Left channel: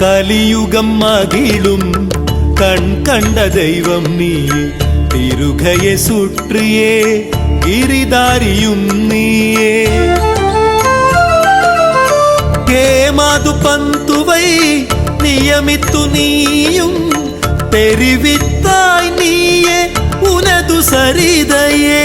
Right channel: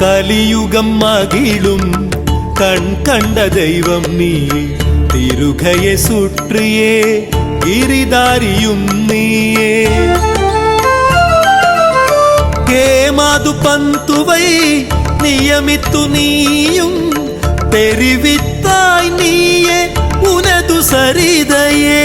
கலியுகம் மகிழும் கண் கண்ட தெய்வம் நீ திருகையை சுற்றியே கிரிதாரியும் நீயே കേമാതു പന്തുവൈ നിയമിത്തു നീയും പെരുവിത്തായി നീയെ ഉനതു സരിതയെ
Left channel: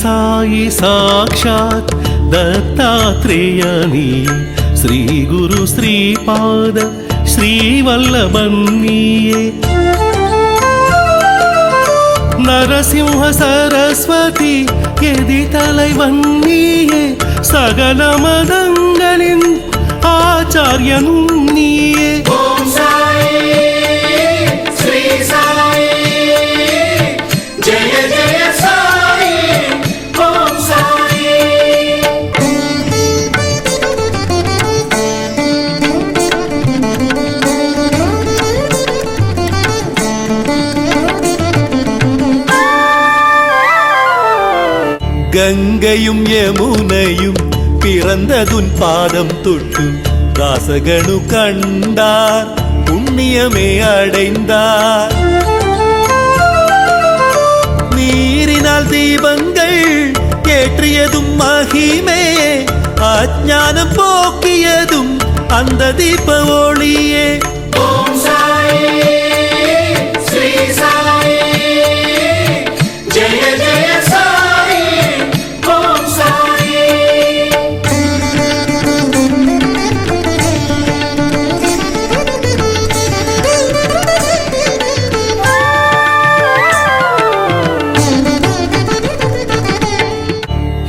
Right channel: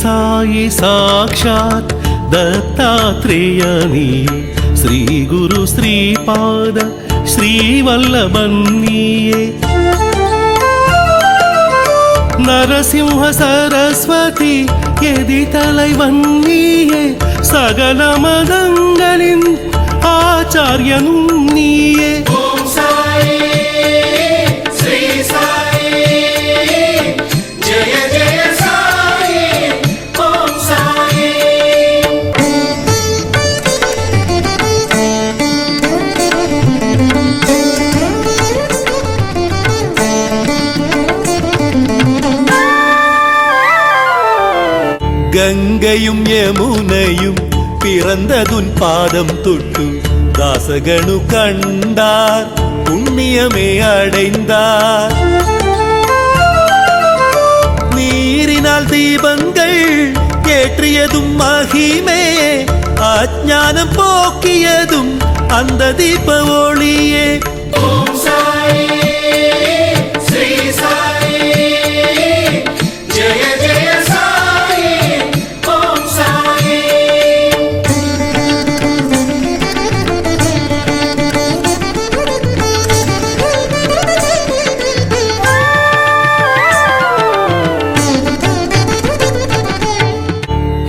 సాయి సాక్షాత్ దత్తాత్రేయని శ్రీ గురు శ్రీపాద శ్రీవల్లభన్నీయే நரசிம்ஹ சரஸ்வதி எதி தலைவன்னியே சகல மதங்களின் ஆச்சாரியனும் நீயே கங்கையும் யமுனையும் பிறந்ததுன் பாதம் தொட்டு தாசகனு கண்டார் புண்ணியமே அடைந்தார் நீரினால் தீபங்கள் ஏற்றியதும் மகிமே அஜானம் போக்கியதும் அந்த தீப ஒளியே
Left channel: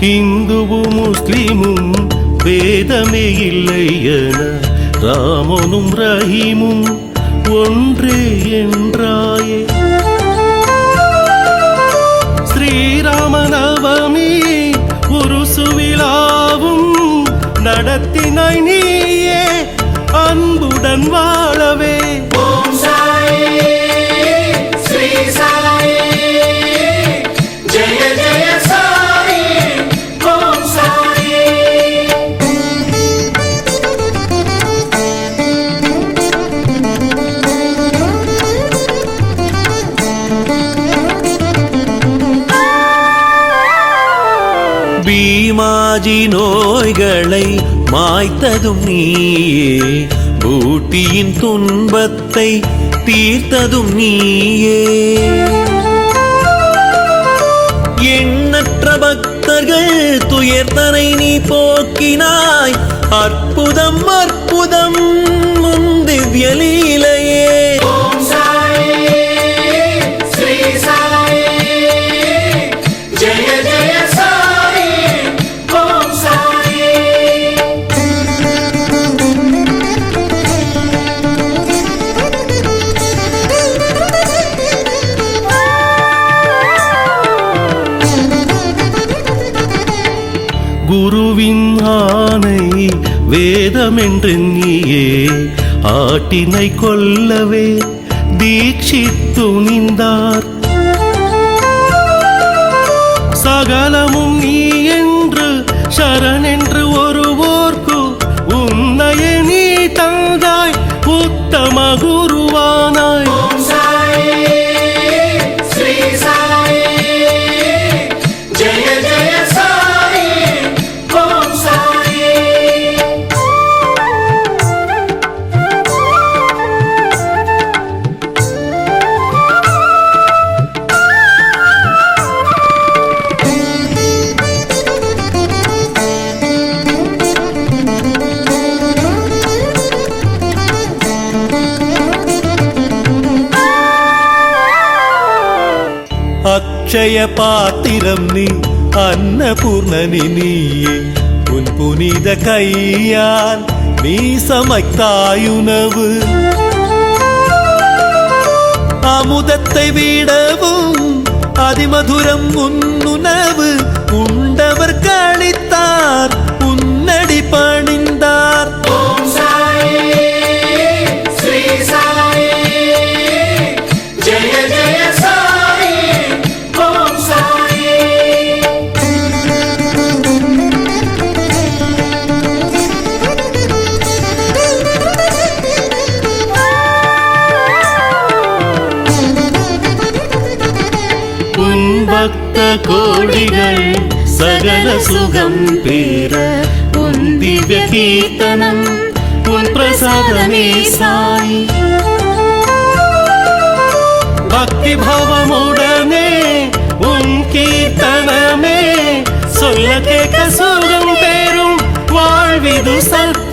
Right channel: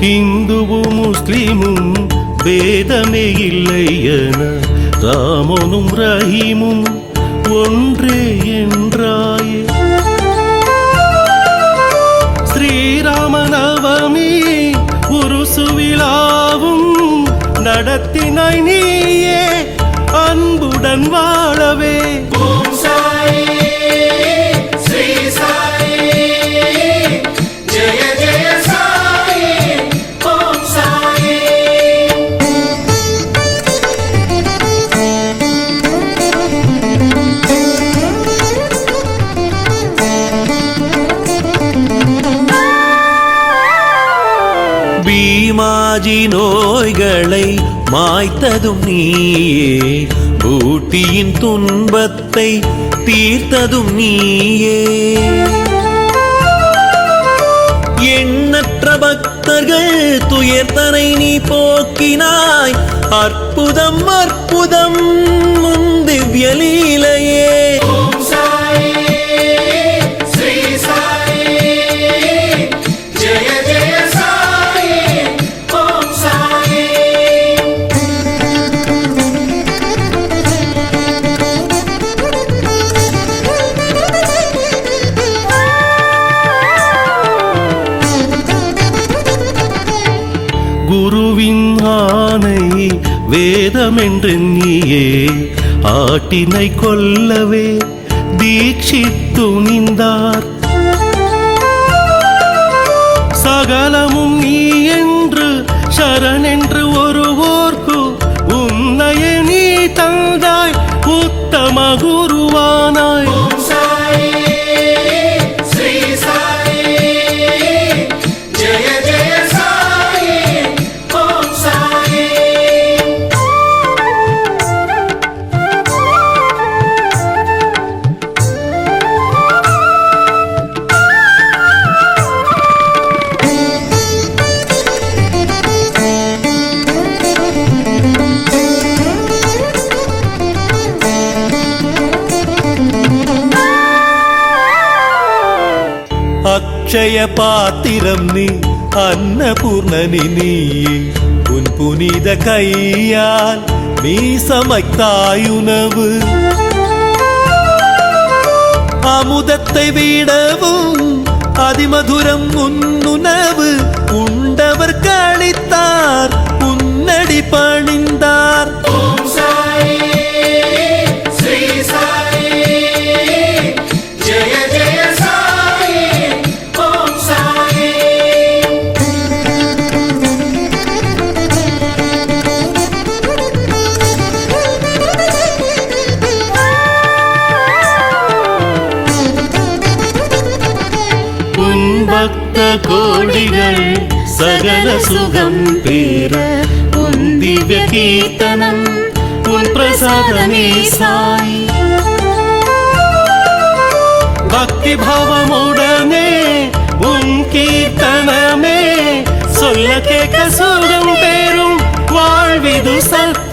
ஹிந்துவும் முஸ்லிமும் வேதமே இல்லை என ராமனும் ரஹீமும் ஒன்றே என்றாயே ஸ்ரீராமநவமி ஒரு சுவிழாவும் நடத்தினாய் நீயே அன்புடன் வாழவே பீமாஜி நோய்களை மாய்த்ததும் நீயே. பூட்டியின் துன்பத்தை தீர்த்ததும் நீயே. எண்ணற்ற பக்தர்கள் துயர்தனை நீ போக்கினாய். அற்புதம் அற்புதம் முன் திவ்யலீலையே குருவின் ஆணை வேதமென்றெண்ணியே ஆட்டினை கொல்லவே தீட்சித்து நின்றார். சகலமும் நீ என்று சரணென்று ஒருவோர்க்கு உன்னைய நீ தந்தாய். உத்தம குருவானாய். அக்ஷய பாத்திரம் நீ அன்னபூர்ணனி நீயே. உன் புனித கையால் நீ சமைத்தாயுணவு. அமுதத்தை விடவும் அதிமதுரம் உன்னுணவு. உண்டவர் கழித்தார் உன்னடி பணிந்தார். பக்த கோடிகள் சகல சுகம் பேர உன் திவ்ய கீர்த்தனம் உன் பிரசாதமே சாய். பக்தி பாவமுடனே உன் கீர்த்தனமே சொல்ல கேட்க சுகம் பெறும் வாழ்விது சத்தியமே